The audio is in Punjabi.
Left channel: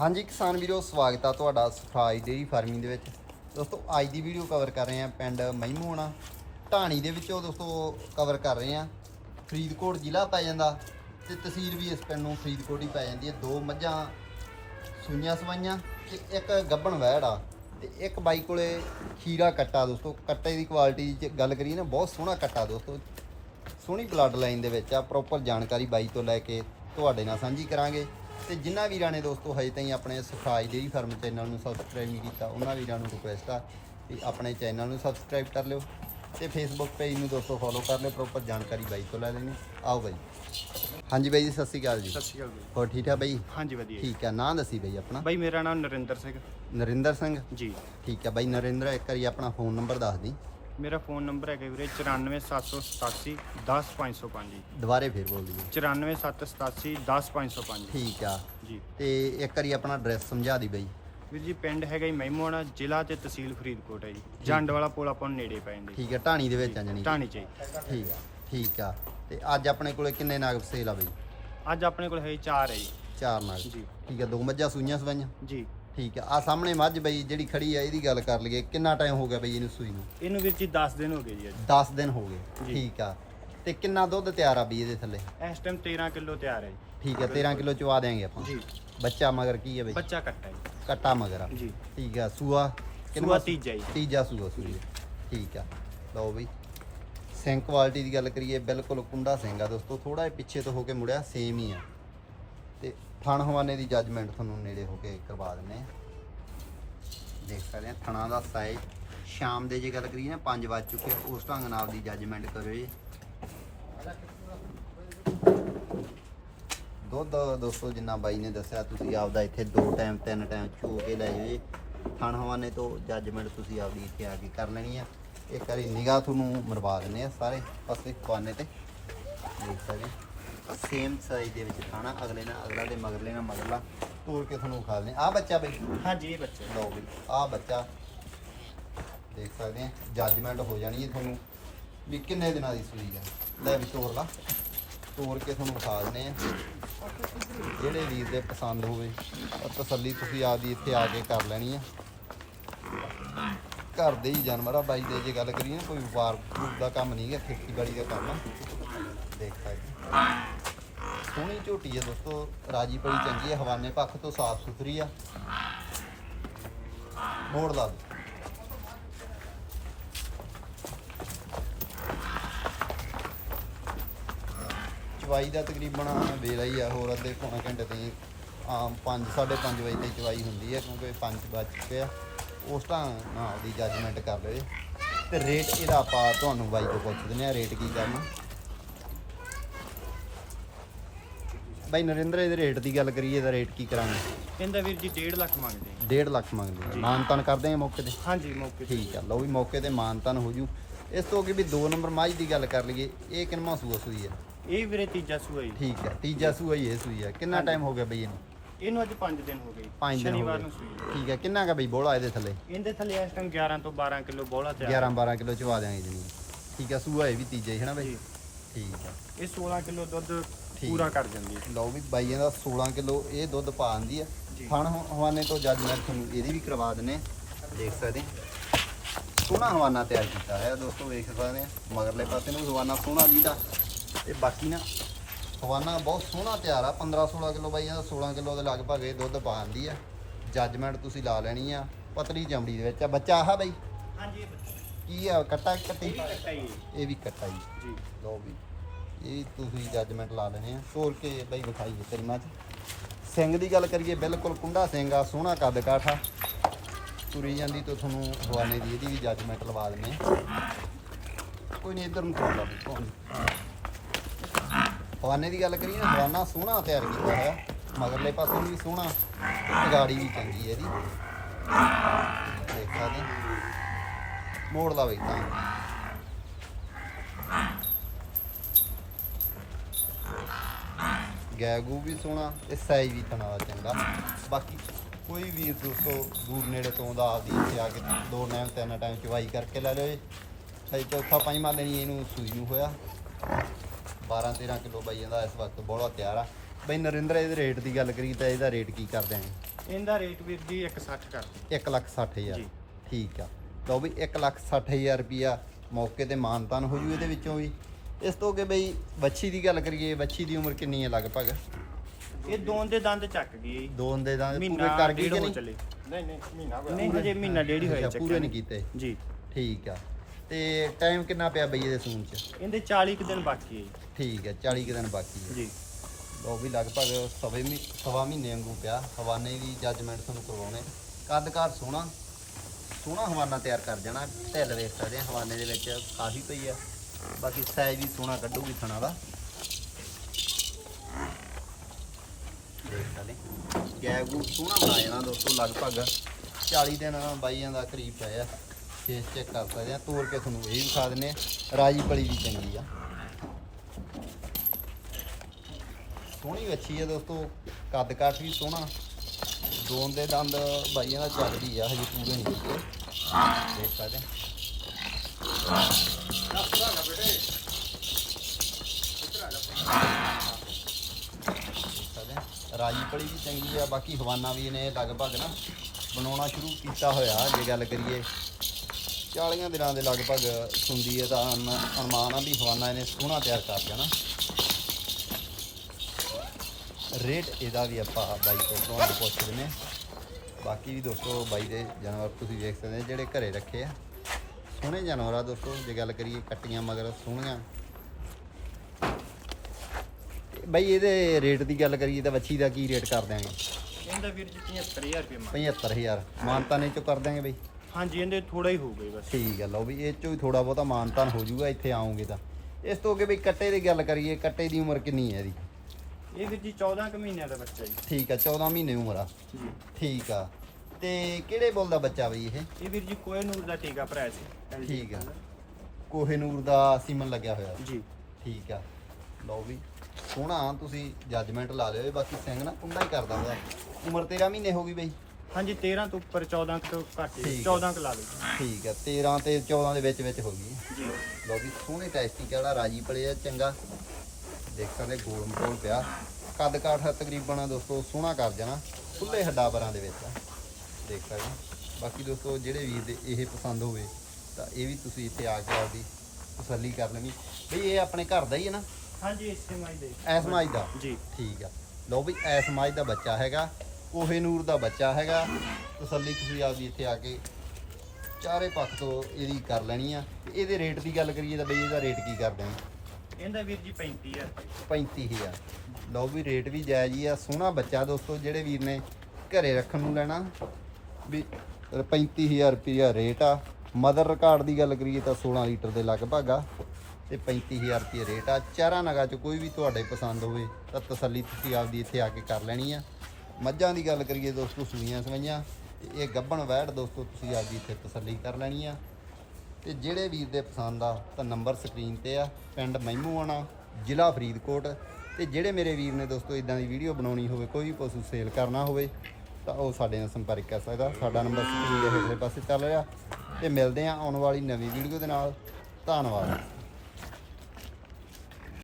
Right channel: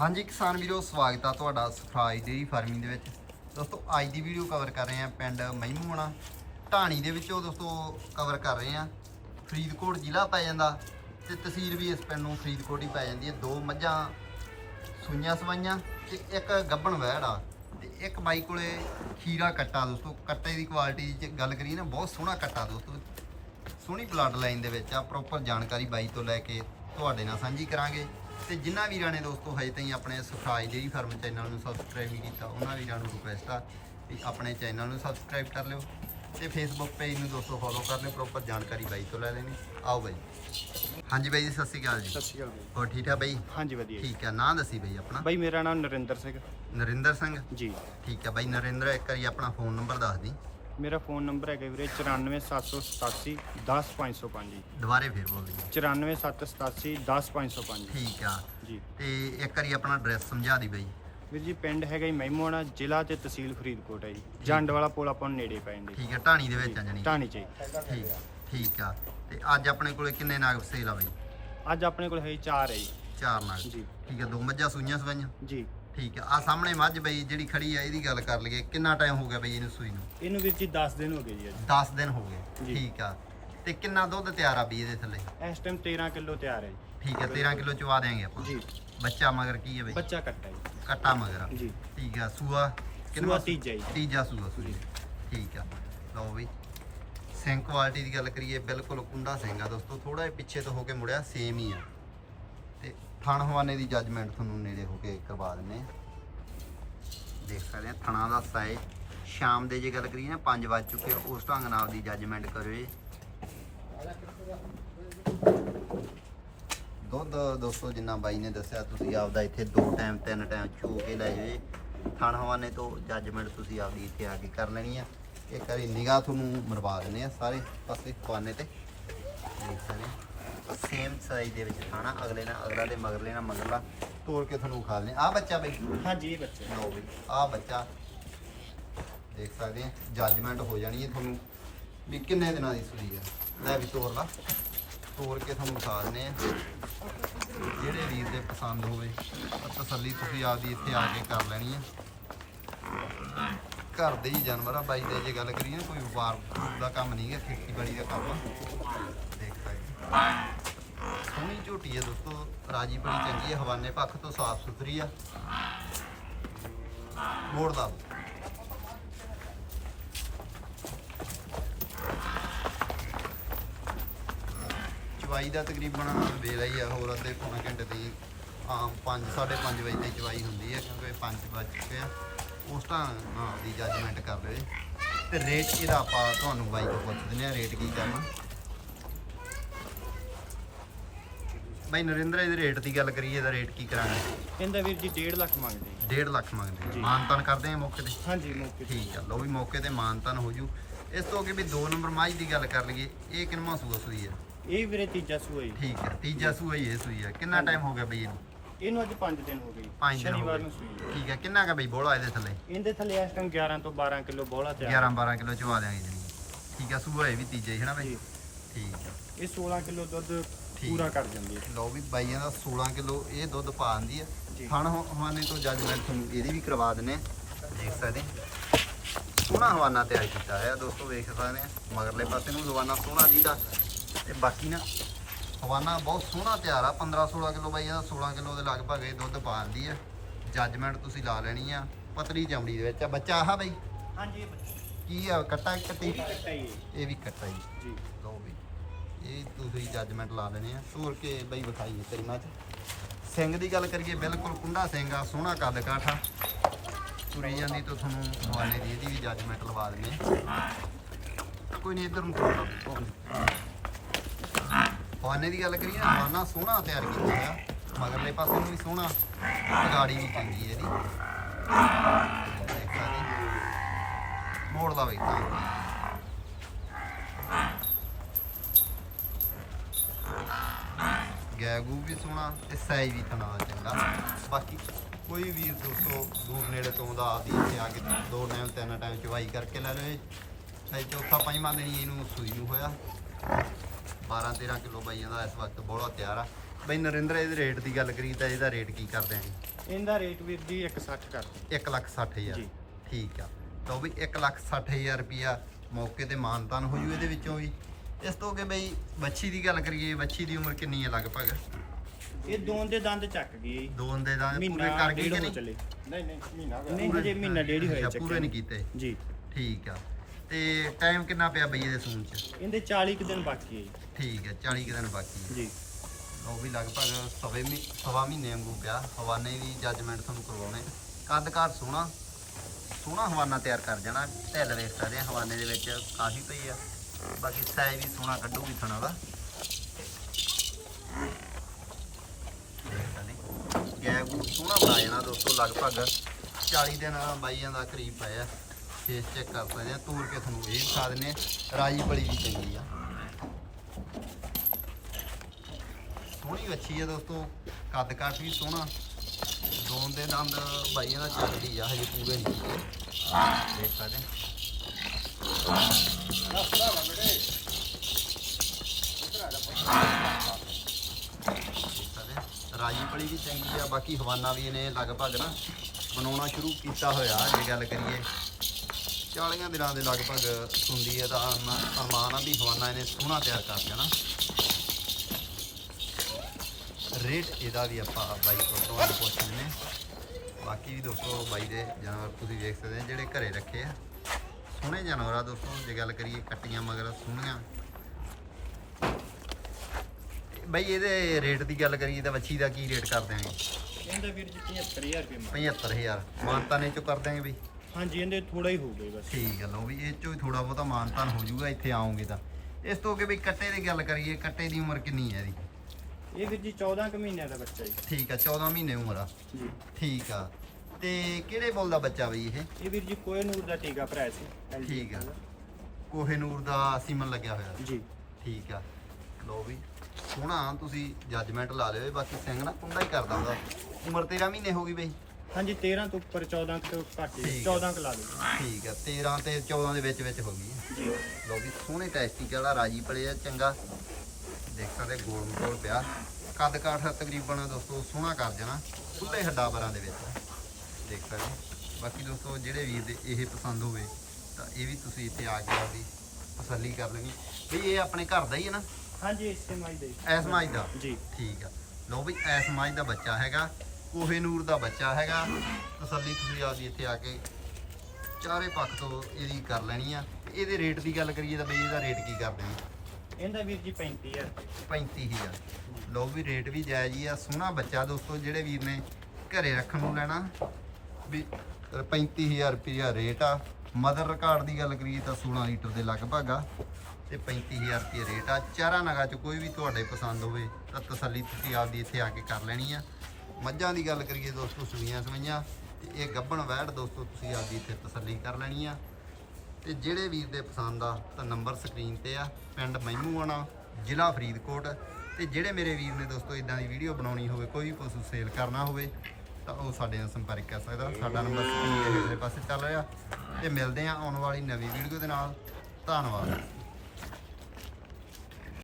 ਹਾਂਜੀ ਕਿਸਾਨ ਵੀਰੋ, ਸਵਾਗਤ ਆ ਤੁਹਾਡਾ ਸਫਰਾਈ ਡੇਰੀ ਫਾਰਮਿੰਗ ਦੇ ਵਿੱਚ। ਦੋਸਤੋ, ਅੱਜ ਦੀ ਵੀਡੀਓ ਕਵਰ ਕਰ ਰਹੇ ਆ ਪਿੰਡ ਮਹਿਮੂਣਾ ਢਾਣੀ ਦੇ ਵਿੱਚੋਂ ਦੋਸਤੋ ਕਵਰ ਕਰ ਰਹੇ ਆ ਫਰੀਦਕੋਟ ਜ਼ਿਲ੍ਹਾ ਪੈ ਜਾਂਦਾ ਤੇ ਤਹਿਸੀਲ ਵੀ ਇਸ ਪਿੰਡ ਨੂੰ ਫਰੀਦਕੋਟ ਹੀ ਪੈ ਜਾਂਦੀ ਹੈ। ਦੋ ਮੱਝਾਂ ਸੂਈਆਂ ਸਵਾਈਆਂ ਤੇ ਇੱਕ ਗੱਬਣ ਵਹਿੜ ਆ ਤੇ ਇੱਕ ਬਾਈ ਕੋਲੇ ਖੀਰਾ ਕੱਟਾ ਦੋਸਤੋ। ਕੱਟੇ ਦੀ ਕੁਆਲਿਟੀ ਚ ਗੱਲ ਕਰੀਏ ਨਾ, ਬਹੁਤ ਸੋਹਣਾ ਕੱਟਾ ਦੋਸਤੋ। ਸੋਹਣੀ ਬਲੱਡ ਲਾਈਨ ਦੇ ਵਿੱਚ ਆ ਪ੍ਰੋਪਰ ਜਾਣਕਾਰੀ ਬਾਈ ਤੋਂ ਲੈ ਕੇ ਤੁਹਾਡੇ ਨਾਲ ਸਾਂਝੀ ਕਰਾਂਗੇ। ਤੇ ਜਿਨ੍ਹਾਂ ਵੀਰਾਂ ਨੇ ਦੋਸਤੋ ਹਜੇ ਤਾਈਂ ਆਪਣੇ ਸਫਰਾਈ ਡੇਰੀ ਫਾਰਮ ਚੈਨਲ ਨੂੰ ਸਬਸਕ੍ਰਾਈਬ ਨਹੀਂ ਕੀਤਾ ਉਹਨਾਂ ਵੀਰਾਂ ਨੂੰ ਰਿਕੁਐਸਟ ਆ ਵੀ ਆਪਣੇ ਚੈਨਲ ਨੂੰ ਸਬਸਕ੍ਰਾਈਬ ਕਰ ਲਿਓ ਤੇ ਫੇਸਬੁੱਕ ਪੇਜ ਨੂੰ ਦੋਸਤੋ ਫੋਲੋ ਕਰ ਲਿਓ ਪ੍ਰੋਪਰ ਜਾਣਕਾਰੀ ਬਾਈ ਤੋਂ ਲੈ ਲੈਣੀ। ਆਓ ਬਾਈ। ਹਾਂਜੀ ਬਾਈ ਜੀ ਸਤਿ ਸ਼੍ਰੀ ਅਕਾਲ ਜੀ। ਸਤਿ ਸ਼੍ਰੀ ਅਕਾਲ ਬਾਈ। ਹੋਰ ਠੀਕ ਠਾਕ ਬਾਈ? ਹਾਂਜੀ ਵਧੀਆ ਜੀ। ਠੀਕ ਆ ਨਾਂ ਦੱਸੀ ਬਾਈ ਆਪਣਾ? ਬਾਈ ਮੇਰਾ ਨਾਮ ਨਰਿੰਦਰ ਸਿੰਘ। ਨਰਿੰਦਰ ਸਿੰਘ? ਜੀ। ਠੀਕ ਆ ਬਾਈ ਨਰਿੰਦਰ ਇੱਕ ਵਾਰੀ ਆਪਣਾ ਫੋਨ ਨੰਬਰ ਦੱਸ ਦੀ। ਮੇਰਾ ਫੋਨ ਨੰਬਰ ਹੈਗਾ ਵੀਰੇ 94787 10505 ਜੀ। ਦੁਬਾਰੇ ਫੇਰ ਬੋਲ ਦਈਏ 94787 10505 ਠੀਕ ਆ। ਜੀ। ਤੇ ਇੱਕ ਵਾਰੀ ਆਪਣਾ ਐਡਰੈਸ ਸਮਝਾ ਦੀ ਬਾਈ। ਵੀਰ ਜੀ ਪਿੰਡ ਹੈਗਾ ਜੀ ਮਹਿਮੋਣਾ ਜ਼ਿਲ੍ਹਾ ਤੇ ਤਹਿਸੀਲ ਫਰੀਦਕੋਟ ਹੈ ਜੀ। ਜੰਡ ਵਾਲਾ ਪੁਲ ਆਪਾਂ ਨੂੰ ਨੇੜੇ ਪੈ ਜਾਂਦੇ ਠੀਕ ਆ ਢਾਣੀ ਦੇ ਵਿੱਚ ਆ ਜਾਣੀ। ਢਾਣੀ ਚ ਜੀ। ਠੀਕ ਆ ਠੀਕ ਆ। ਤੇ ਅੱਜ ਆਪਣੇ ਕੋਲੇ ਕਿੰਨੇ ਨਾਗ ਸੇਲ ਆ ਬਈ? ਅੱਜ ਆਪਣੇ ਕੋਲ ਹੈ ਜੀ ਚਾਰ ਹੈ ਜੀ। ਚਾਰ ਨਾਗ। ਜੀ। ਠੀਕ ਆ ਦੋ ਮੱਝਾਂ ਸੂਈਆਂ ਸਵਾਈਆਂ? ਜੀ। ਠੀਕ ਆ। ਆ ਸਾਹਮਣੇ ਮੱਝ ਬਈ ਜਿਹੜੀ ਖੜੀ ਆ ਇਹਦੀ ਗੱਲ ਕਰ ਲਈਏ। ਕਿੰਨਾ ਟਾਈਮ ਹੋ ਗਿਆ ਬਈ ਇਹਨੂੰ ਸੂਈ ਨੂੰ? ਇਹਨੂੰ ਵੀਰ ਜੀ 10 ਦਿਨ ਹੋ ਗਏ ਜੀ ਅੱਜ। 10 ਦਿਨ ਹੋ ਗਏ। ਠੀਕ ਆ। ਤੇ ਕਿੰਨਾ ਦੁੱਧ ਤਿਆਰ ਆ ਬਈ ਇਹਦੇ ਥੱਲੇ? ਇਸ ਟਾਈਮ 13 ਕਿਲੋ ਤਿਆਰ ਹੈ ਜੀ। ਠੀਕ ਆ 13 ਕਿਲੋ ਚਵਾ ਦੇਾਂਗੇ ਆਪਾਂ। ਜੀ। ਬੱਚਾ ਮਗਰ ਕੀ ਆ ਬਈ? ਬੱਚਾ ਕੱਟਾ ਜੀ। ਕੱਟਾ ਮਗਰ ਆ। ਜੀ। ਠੀਕ ਆ ਸੂਆ ਸੂਆ ਤੀਜਾ ਜੀ। ਤੀਜਾ ਸੂਆ ਸੂਈ ਠੀਕ ਆ। ਲਓ ਬਈ ਸਿੰਘ ਕੁਆਲਿਟੀ ਦੀ ਗੱਲ ਕਰੀਏ ਬਿਲਕੁਲ ਕੁੰਡਾ ਸਿੰਘ ਆ ਦੋਸਤੋ। ਥੋੜਾ ਜਿਹਾ ਪਿੱਛੇ ਤੋਂ ਹੋ ਕੇ ਮੁੜਿਆ ਸੇਮ ਹੀ ਆ। ਤੇ ਥਣ ਹਵਾਨੇ ਦੀ ਜੱਜਮੈਂਟ ਤੁਹਾਨੂੰ ਨੇੜੇ ਹੋ ਕੇ ਕਰਵਾ ਦਿੰਨੇ ਆ ਦੇਖ ਸਕਦੇ ਆ ਥਣਾ ਦਾ ਸਾਈਜ਼ ਸ਼ਾਮ ਦੇ ਜੇ ਗੱਲ ਕਰੀਏ ਨਾ 5 ਵਜ ਚੁੱਕੇ ਉਸ ਢੰਗ ਨਾਲ ਦੀ ਜੱਜਮੈਂਟ ਕਰਿਓ ਜੀ। ਦੁੱਧ ਦੋਸਤੋ, ਜਿੰਨਾ ਬਾਈ ਨੇ ਦੱਸਿਆ, ਤੁਸੀਂ ਆਪਦਾ ਇੱਥੇ ਦੋ ਟਾਈਮ ਤਿੰਨ ਟਾਈਮ ਛੋ ਕੇ ਲੈ ਜਾਓ ਜੀ। ਥਣ ਹਵਾਨੇ ਤੋਂ ਜੱਜਮੈਂਟ ਤੁਸੀਂ ਆਪਦੀ ਇੱਥੇ ਆ ਕੇ ਕਰ ਲੈਣੀ ਆ। ਇੱਕ ਵਾਰੀ ਨਿਗਾਹ ਤੁਹਾਨੂੰ ਮਰਵਾ ਦਿੰਦੇ ਆ ਸਾਰੇ ਪਾਸੇ ਖਵਾਨੇ ਤੇ। ਦੇਖ ਸਕਦੇ ਸੇਮ ਸਾਈਜ਼ ਦੇ ਵਿੱਚ ਖਾਣਾ ਅਗਲੇ ਨਾਲ ਅਗਲਾ ਦੇ ਮਗਰਲੇ ਨਾਲ ਮਗਰਲਾ ਤੋੜ ਕੇ ਤੁਹਾਨੂੰ ਖਾ ਲੈਣੇ ਆ ਬੱਚਾ ਬਈ। ਹਾਂਜੀ ਇਹ ਬੱਚਾ। ਲਓ ਬਈ ਆ ਬੱਚਾ। ਦੇਖ ਸਕਦੇ ਆ ਜੱਜਮੈਂਟ ਹੋ ਜਾਣੀ ਹੈ ਤੁਹਾਨੂੰ ਵੀ ਕਿੰਨੇ ਦਿਨਾਂ ਦੀ ਸੂਈ ਆ। ਲੈ ਵੀ ਤੋੜ ਲਾ। ਤੋੜ ਕੇ ਤੁਹਾਨੂੰ ਖਾ ਦਿੰਦੇ ਆ ਜਿਹੜੇ ਵੀਰ ਦੇ ਪਸੰਦ ਹੋਵੇ ਤਸੱਲੀ ਤੁਸੀਂ ਆਪਦੀ ਇੱਥੇ ਆ ਕੇ ਕਰ ਲੈਣੀ ਆ ਘਰ ਦੇ ਹੀ ਜਾਨਵਰ ਆ ਬਾਈ ਦੇ ਜੇ ਗੱਲ ਕਰੀਏ ਕੋਈ ਵਪਾਰ ਦਾ ਕੰਮ ਨਹੀਂ ਹੈ ਖੇਤੀਬਾੜੀ ਦਾ ਕੰਮ ਦੇਖ ਸਕਦੇ ਸੋਹਣੀ ਝੋਟੀ ਹੈ ਦੋਸਤੋ, ਰਾਜੀ ਬੜੀ ਚੰਗੀ ਹੈ ਹਵਾਨੇ ਪੱਖ ਤੋਂ ਸਾਫ਼ ਸੁਥਰੀ ਆ। ਮੋੜ ਲਾ। ਚਵਾਈ ਦਾ ਤਕਰੀਬਨ ਵੇਲਾ ਹੀ ਆ, ਹੋਰ ਅੱਧੇ ਪੌਣਾ ਘੰਟੇ ਦੀ ਆਮ 5 5:30 ਵਜੇ ਦੀ ਚਵਾਈ ਹੁੰਦੀ ਹੈ ਕਿਉਂਕਿ 5 ਵੱਜ ਚੁੱਕੇ ਆ। ਉਸ ਤਾਂ ਦੀ ਜੱਜਮੈਂਟ ਕਰ ਲਵੇ ਤੇ ਰੇਟ ਇਹਦਾ ਆਪਾਂ ਤੁਹਾਨੂੰ ਬਾਈ ਤੋਂ ਪੁੱਛ ਦਿੰਦੇ ਆ ਰੇਟ ਕੀ ਕਰਨਾ? ਬਾਈ ਨਰਿੰਦਰ ਇਹਦੇ ਰੇਟ ਦੀ ਗੱਲ ਕਰੀਏ ਇਹਦਾ ਰੇਟ ਕੀ ਕਰਾਂਗੇ? ਕਹਿੰਦਾ ਵੀਰ ਜੀ 1.5 ਲੱਖ ਮੰਗਦੇ ਆ। 1.5 ਲੱਖ ਮੰਗਦੇ ਆ। ਜੀ। ਮਾਨਤਨ ਕਰਦੇ ਆ ਮੌਕੇ ਤੇ? ਹਾਂਜੀ ਮੌਕੇ ਤੇ। ਠੀਕ ਆ ਲਓ ਵੀ ਮੌਕੇ ਤੇ ਮਾਨਤਨ ਹੋ ਜੂ। ਇਸ ਤੋਂ ਅੱਗੇ ਵੀ 2 ਨੰਬਰ ਮਾਝ ਦੀ ਗੱਲ ਕਰ ਲਈਏ ਇਹ ਕਿੰਨਵਾਂ ਸੂਆ ਸੂਈ ਹੈ ਇਹ ਵੀਰੇ ਤੀਜਾ ਸੂਆ ਜੀ ਠੀਕ ਹੈ ਤੀਜਾ ਸੂਆ ਹੀ ਇਹ ਸੂਈ ਹੈ ਕਿੰਨਾ। ਟਾਈਮ ਹੋ ਗਿਆ ਬਈ ਇਹਨੂੰ? ਇਹਨੂੰ ਅੱਜ 5 ਦਿਨ ਹੋ ਗਏ। ਪੰਜ ਦਿਨ ਹੋ ਸ਼ਨੀਵਾਰ ਗਏ। ਨੂੰ ਸੂਈ। ਠੀਕ ਹੈ ਕਿੰਨਾ ਕਾ ਬਈ ਬੋਲਾ ਇਹਦੇ ਥੱਲੇ? ਇਹਦੇ ਥੱਲੇ ਇਸ ਟਾਈਮ 11 ਤੋਂ 12 ਕਿਲੋ ਬੋਲਾ ਤਿਆਰ। 11 12 ਕਿਲੋ ਚਵਾ ਦਿਆਂਗੇ ਜਣੀ ਠੀਕ ਹੈ ਸੂਆ ਇਹ ਵੀ ਤੀਜਾ ਹੀ ਹੈ ਨਾ ਬਈ? ਜੀ। ਠੀਕ ਹੈ ਇਹ 16 ਕਿਲੋ ਦੁੱਧ ਠੀਕ। ਪੂਰਾ ਕਰ ਜਾਂਦੀ ਹੈ। ਲਓ ਵੀ ਬਾਈ ਇਹਦਾ 16 ਕਿਲੋ ਇਹ ਦੁੱਧ ਪਾ ਆਂਦੀ ਆ। ਜੀ। ਥਣ ਹ- ਹਵਾਨੇ ਤੋਂ ਜੱਜਮੈਂਟ ਤੁਹਾਨੂੰ ਇਹਦੀ ਵੀ ਕਰਵਾ ਦਿੰਨੇ ਆ। ਦੇਖ ਸਕਦੇ ਆ। ਸੋਹਣਾ ਹਵਾਨਾ ਤਿਆਰ ਕੀਤਾ ਹੈ ਦੋਸਤੋ ਵੇਖ ਸਕਦੇ ਆ ਮਗਰਲੇ ਪਾਸੇ ਨੂੰ ਹਵਾਨਾ ਸੋਹਣਾ ਦੀਦਾ। ਤੇ ਬਾਕੀ ਨਾ ਹਵਾਨਾ ਬਹੁਤ ਸੋਹਣਾ ਤਿਆਰ ਆ। 15 16 ਕਿਲੋ ਬਾਈ ਇਹਦਾ 16 ਕਿਲੋ ਦੇ ਲਗਭਗ ਇਹ ਦੁੱਧ ਪਾ ਆਂਦੀ ਆ। ਜੱਜਮੈਂਟ ਤੁਸੀਂ ਲਾ ਲੈਣੀ ਆ ਪਤਲੀ ਚਮੜੀ ਦੇ ਵਿੱਚ ਆ। ਬੱਚਾ ਆਹ ਬਾਈ? ਹਾਂਜੀ ਇਹ ਬੱਚਾ। ਕੀ ਆ ਕੱਟਾ ਕੱਟੀ ਇਹ ਵੀ ਕੱਟਾ ਜੀ ਜੀ। ਲਓ ਵੀ। ਇਹ ਤੁਸੀਂ ਜੱਜਮੈਂਟ ਲਾ ਲੈਣੇ ਆ। ਤੋੜ ਕੇ ਬਈ ਵਿਖਾਈਏ ਤੇਰੀ ਮੱਝ ਸਿੰਘ ਦੀ ਗੱਲ ਕਰੀਏ, ਬਿਲਕੁਲ ਕੁੰਡਾ ਸਿੰਘ ਆ, ਸੋਹਣਾ ਕੱਦ ਕਾਠਾ। ਤੁਰੀ ਜਾਂਦੀ ਤੋਂ ਤੁਹਾਨੂੰ ਹਵਾਨੇ ਦੀ ਇਹਦੀ ਵੀ ਜੱਜਮੈਂਟ ਲਵਾ ਦਿੰਦੇ ਕੋਈ ਨਹੀਂ, ਇੱਧਰ ਨੂੰ ਤੋੜ ਲਓ ਹਵਾਨੇ ਦੀ ਗੱਲ ਕਰੀਏ ਨਾ ਹਵਾਨਾ ਸੋਹਣਾ ਤਿਆਰ ਕੀਤਾ ਹੋਇਆ। ਮਗਰਲੇ ਪਾਸੇ ਨੂੰ ਵੀ ਸੋਹਣਾ, ਗਾੜੀ ਵੀ ਚੰਗੀ ਹੈ ਇਹਦੀ। ਦੇਖ ਸਕਦੇ ਮੋੜ ਲਾ ਬਈ ਤਾਂ। ਗੈਗੂ ਵੀ ਸੋਹਣਾ ਤੇ ਸਾਈ ਵੀ ਤਣਾ ਚੰਗਾ। ਬਾਕੀ ਕੋਈ ਵੀਰ ਦੋਸਤੋ ਦੂਰ ਨੇੜੇ ਤੋਂ ਦਾ ਆਦੀ ਇੱਥੇ ਆ ਕੇ ਦੋ ਟਾਈਮ ਤਿੰਨ ਟਾਈਮ ਚਵਾਈ ਕਰਕੇ ਲੈ ਲਏ ਤੇ ਚੌਥਾ ਪੰਜਵਾਂ ਦਿਨ ਹੀ ਇਹਨੂੰ ਸੂਈ ਨੂੰ ਹੋਇਆ। 12 13 ਕਿਲੋ ਬਾਈ ਇਹਦਾ ਇਸ ਵਕਤ ਬੋਲਾ ਤਿਆਰ ਆ। ਬਈ ਨਰਿੰਦਰ ਇਹਦੇ ਰੇਟ ਦੀ ਗੱਲ ਕਰੀ ਤਾਂ ਇਹਦਾ ਰੇਟ ਕੀ ਕਰਦੇ ਆਂ ਇਹਦਾ ਰੇਟ ਵੀਰ ਜੀ 160 ਕਰ ਦਿਓ। 1 ਲੱਖ 60 ਹਜ਼ਾਰ। ਜੀ। ਠੀਕ ਆ। ਲਓ ਵੀ 1 ਲੱਖ 60 ਹਜ਼ਾਰ ਰੁਪਿਆ ਮੌਕੇ ਤੇ ਮਾਨਤਾਨ ਹੋ ਜੂ ਇਹਦੇ ਵਿੱਚੋਂ ਵੀ। ਇਸ ਤੋਂ ਅੱਗੇ ਬਈ ਬੱਚੀ ਦੀ ਗੱਲ ਕਰੀਏ ਬੱਚੀ ਦੀ ਉਮਰ ਕਿੰਨੀ ਹੈ ਲਗਭਗ? ਇਹ ਦੋਨ ਦੇ ਦੰਦ ਚੱਕ ਗਏ। ਜੀ। ਦੋ ਦੇ ਦਾ ਪੂਰੇ ਮਹੀਨਾ ਕਰ ਗਈ ਡੇਢ ਕਿ ਹੋ ਨਹੀਂ? ਚੱਲੇ। ਨਹੀਂ ਨਹੀਂ ਮਹੀਨਾ ਹੋਇਆ। ਨਹੀਂ ਹਜੇ ਮਹੀਨਾ ਡੇਢ ਹੀ ਹੋਇਆ ਅੱਛਾ, ਪੂਰੇ ਨਹੀਂ ਕੀਤੇ? ਜੀ। ਠੀਕ ਆ। ਤੇ ਟਾਈਮ ਕਿੰਨਾ ਪਿਆ ਬਈ ਇਹਦੇ ਸੂਣ ਚ? ਇਹਦੇ 40 ਕੁ ਦਿਨ ਬਾਕੀ ਹੈ ਜੀ। ਠੀਕ ਹੈ 40 ਕੁ ਦਿਨ ਬਾਕੀ ਹੈ। ਜੀ। ਉਹ ਵੀ ਲਗਭਗ ਸਵੇ ਮਹੀ ਸਵਾ ਮਹੀਨੇ ਵਾਂਗੂ ਪਿਆ। ਹਵਾਨੇ ਦੀ ਜੱਜਮੈਂਟ ਤੁਹਾਨੂੰ ਕਰਵਾਉਣੇ। ਕੱਦ ਘਾਟ ਸੋਹਣਾ। ਸੋਹਣਾ ਹਵਾਨਾ ਤਿਆਰ ਕਰ ਜਾਣਾ। ਢਿੱਲ ਵੇਖ ਸਕਦੇ ਆ ਹਵਾਨੇ ਦੇ ਵਿੱਚ ਕਾਫੀ ਪਈ ਆ। ਬਾਕੀ ਸਾਈਜ਼ ਵੀ ਸੋਹਣਾ ਕੱਢੂਗੀ ਥਣਾ ਦਾ। ਗੈਪ ਗੂਪ ਸੋਹਣਾ ਬਣਾ ਜਾਣਾ ਦੋਸਤੋ, ਲਗਭਗ 40 ਦਿਨ ਬਾਈਆਂ ਦਾ ਕਰੀਬ ਪਏ ਫੇਸ ਚੈੱਕ ਕਰ ਸਕਦੇ ਆ, ਤੋੜ ਕੇ ਤੁਹਾਨੂੰ ਇਹ ਵੀ ਦਿਖਾ ਦਿੰਨੇ ਆ। ਰਾਜੀ ਬਲੀ ਵੀ ਚੰਗੀ ਆ। ਸੋਹਣੀ ਵੱਛੀ ਆ ਦੋਸਤੋ, ਕੱਦ ਕਾਠ ਵੀ ਸੋਹਣਾ। ਦੋਨ ਦੇ ਦੰਦ ਬਾਈਆਂ ਦਾ ਚੱਲਦੀ ਆ, ਹਜੇ ਪੂਰੇ ਨਹੀਂ ਕੀਤੇ। ਦੇਖ ਸਕਦੇ ਰਾਜੀ ਬੜੀ ਵੀ ਚੰਗੀ ਆ, ਬਾਕੀ ਹਵਾਨਾ ਵੀ ਇਹਨੇ ਲਗਭਗ ਨਾ ਬਣਾਉਣਾ ਸ਼ੁਰੂ ਕੀਤਾ ਹੋਇਆ, ਜੇ ਗੱਲ ਕਰੀਏ 40 ਦਿਨਾਂ ਦੇ ਲਗਭਗ ਸੁੰਦੀ ਹੈ ਤਾਂ ਅਨੁਮਾ- ਅਨੁਮਾਨ ਆ ਵੀ ਹਵਾਨਾ ਇਹਨੇ ਸੋਹਣਾ ਤਿਆਰ ਕਰ ਨਾ। ਰੇਟ ਇਹਦਾ ਵੀ ਆਪਾਂ ਬਾਈ ਕੋਲ ਤੋਂ ਪੁੱਛ ਲੈਂਦੇ ਬਾਕੀ ਵੀ ਦੋਸਤੋ, ਬਾਈ ਦੇ ਜਾਨਵਰ ਤੁਸੀਂ ਵੇਖ ਸਕਦੇ ਜਿਹੜੇ ਘਰੇ ਰੱਖੇ ਆ। ਸੋਹਣੇ ਜਾਨਵਰ ਆ ਦੋਸਤੋ ਜੇ ਗੱਲ ਕਰੀਏ ਕੱਟੀਆਂ ਮਗਰ ਸੋਹਣੀਆਂ। ਬਾਈ ਇਹਦੇ ਰੇਟ ਦੀ ਗੱਲ ਕਰੀਏ ਤਾਂ ਬੱਚੀ ਦਾ ਕੀ ਰੇਟ ਕਰ ਦਿਆਂਗੇ? ਇਹਦਾ ਵੀਰ ਜੀ 75000 ਰੁਪਏ ਮੰਗ 75000 ਮਾਨਤਾ ਨੇ ਚੋਂ ਕਰ ਦਿਆਂਗੇ ਬਾਈ? ਹਾਂਜੀ ਇਹਦੇ ਥੋੜਾ ਹੀ ਹੋਊਗਾ ਬਸ। ਠੀਕ ਹੈ ਲਓ ਵੀ ਇਹ ਚੋਂ ਵੀ ਥੋੜਾ ਬਹੁਤਾ ਮਾਨਤਾਨ ਹੋ ਜਾਊਗਾ ਇੱਥੇ ਆਉਂਗੇ ਤਾਂ। ਇਸ ਤੋਂ ਅੱਗੇ ਬਈ ਕੱਟੇ ਦੀ ਗੱਲ ਕਰੀਏ ਕੱਟੇ ਦੀ ਉਮਰ ਕਿੰਨੀ ਹੈ ਇਹਦੀ? ਇਹ ਵੀਰ ਜੀ 14 ਕੁ ਮਹੀਨਿਆਂ ਦਾ ਬੱਚਾ ਜੀ। ਠੀਕ ਆ 14 ਮਹੀਨੇ ਉਮਰ ਆ। ਜੀ। ਠੀਕ ਆ। ਤੇ ਕਿਹੜੇ ਬੁੱਲ ਦਾ ਬੱਚਾ ਬਈ ਇਹ? ਇਹ ਵੀਰ ਜੀ ਕੋਏ ਨੂਰ ਦਾ ਟੀਕਾ ਭਰਾਇਆ ਸੀ LG ਠੀਕ ਆ। ਕੋਹੇਨੂਰ ਦਾ ਸੀਮਨ ਲੱਗਿਆ ਹੋਇਆ। ਜੀ। ਠੀਕ ਆ। ਲਓ ਵੀ ਸੋਹਣਾ ਤੁਸੀਂ ਜੱਜਮੈਂਟ ਲਾ ਲਿਓ ਇਹ ਬਾਕੀ ਸਿੰਘ ਨਾ ਕੁੰਡਾ ਹੀ ਕਰਦਾ ਉਹਦਾ। ਉਮਰ 13 ਮਹੀਨੇ ਹੋ ਗਈ ਬਈ? ਹਾਂਜੀ 13 ਤੋਂ ਉੱਪਰ 14 ਤੋਂ ਘੱਟ ਜੀ, ਠੀਕ ਆ। 14 ਕੁ ਲਾ ਲਓ। ਠੀਕ ਆ 13 ਤੇ 14 ਦੇ ਵਿੱਚ ਵਿੱਚ ਹੋ ਗਈ। ਲਓ ਵੀ ਸੋਹਣੇ ਟੈਸਟਿਕ ਵਾਲਾ ਰਾਜੀ ਪਲੇ ਆ ਚੰਗਾ। ਦੇਖ ਸਕਦੇ ਗੋਲ ਮਟੋਲ ਪਿਆ। ਕੱਦ ਕਾਠ ਤਕਰੀਬਨ ਦੋਸਤੋ ਸੋਹਣਾ ਕਰ ਜਾਣਾ। ਖੁੱਲੇ ਹੱਡਾ ਬਰਾਂ ਦੇ ਵਿੱਚ। ਆ। ਦੇਖ ਸਕਦੇ ਬਾਕੀ ਦੋਸਤੋ ਜਿਹੜੇ ਵੀਰ ਦੇ ਇਹ ਪਸੰਦ ਹੋਵੇ ਤਾਂ ਇਹ ਵੀ ਤੁਸੀਂ ਇੱਥੇ ਆ ਕੇ ਆਪਦੀ ਤਸੱਲੀ ਕਰ ਲੈਣੀ ਵੀ ਇਹ ਆਪਣੇ ਘਰ ਦਾ ਹੀ ਹੈ ਨਾ? ਹਾਂਜੀ ਇਸੇ ਮਾਈ ਦੇ ਐਸ ਮਾਈ ਦਾ? ਜੀ। ਠੀਕ ਆ। ਲਓ ਵੀ ਐਸ ਮਾਈ ਦਾ ਬੱਚਾ ਹੈਗਾ ਕੋਹੇ ਨੂਰ ਦਾ ਬੱਚਾ ਹੈਗਾ। ਤਸੱਲੀ ਤੁਸੀਂ ਆਪਦੀ ਇੱਥੇ ਆ ਕੇ ਚਾਰੇ ਪੱਖ ਤੋਂ ਇਹਦੀ ਕਰ ਲੈਣੀ ਆ। ਇਹਦੇ ਰੇਟ ਦੀ ਗੱਲ ਕਰੀਏ ਤਾਂ ਬਈ ਇਹਦਾ ਰੇਟ ਕੀ ਕਰਦੇ ਆ ਇਹਦਾ ਵੀਰ ਜੀ 35000 35000 ਲਓ ਵੀ ਰੇਟ ਵੀ ਜਾਇਜ਼ ਹੀ ਆ। ਸੋਹਣਾ ਬੱਚਾ ਦੋਸਤੋ ਜਿਹੜੇ ਵੀਰ ਨੇ ਘਰੇ ਰੱਖਣ ਨੂੰ ਲੈਣਾ। ਵੀ 35000 ਰੁਪਇਆ ਰੇਟ ਆ। ਮਦਰ ਰਿਕਾਰਡ ਦੀ ਗੱਲ ਕਰੀਏ ਤਾਂ 16 ਲੀਟਰ ਦੇ ਲਗਭਗ ਆ ਤੇ 35000 ਰੁਪਏ ਰੇਟ ਆ। ਚਾਰਾਂ ਨਗਾ ਚ ਕੋਈ ਵੀ ਤੁਹਾਡੇ ਪਸੰਦ ਹੋਵੇ ਤਾਂ ਤਸੱਲੀ ਤੁਸੀਂ ਆਪਦੀ ਇੱਥੇ ਆ ਕੇ ਕਰ ਲੈਣੀ ਆ। ਮੱਝਾਂ ਦੀ ਗੱਲ ਕਰੀਏ ਦੋਸਤੋ, ਸੂਈਆਂ ਸਵਈਆਂ, ਤੇ ਇਹ ਗੱਭਣ ਵੈੜ ਦੋਸਤੋ, ਤੁਸੀਂ ਆਪਦੀ ਇੱਥੇ ਤਸੱਲੀ ਕਰ ਲੈਣੀ ਆ। ਤੇ ਜਿਹੜੇ ਵੀਰ ਦੇ ਪਸੰਦ ਆ, ਤਾਂ ਨੰਬਰ ਸਕਰੀਨ ਤੇ ਆ, ਪਿੰਡ ਮਹਿਮੂਆਣਾ, ਜ਼ਿਲ੍ਹਾ ਫਰੀਦਕੋਟ। ਤੇ ਜਿਹੜੇ ਮੇਰੇ ਵੀਰ ਨੇ ਦੋਸਤੋ ਇਦਾਂ ਦੀ ਵੀਡੀਓ ਬਣਾਉਣੀ ਹੋਵੇ, ਕੋਈ ਵੀ ਪਸ਼ੂ ਸੇਲ ਕਰਨਾ ਹੋਵੇ ਤਾਂ ਉਹ ਸਾਡੇ ਨਾਲ ਸੰਪਰਕ ਕਰ ਸਕਦਾ। ਸਾਡਾ ਨੰਬਰ ਸਕਰੀਨ ਦੇ ਹੇਠਲੇ ਪਾਸੇ ਚੱਲ ਰਿਹਾ। ਤੇ ਮਿਲਦੇ ਹਾਂ ਆਉਣ ਵਾਲੀ ਨਵੀਂ ਵੀਡੀਓ ਦੇ ਨਾਲ। ਧੰਨਵਾਦ।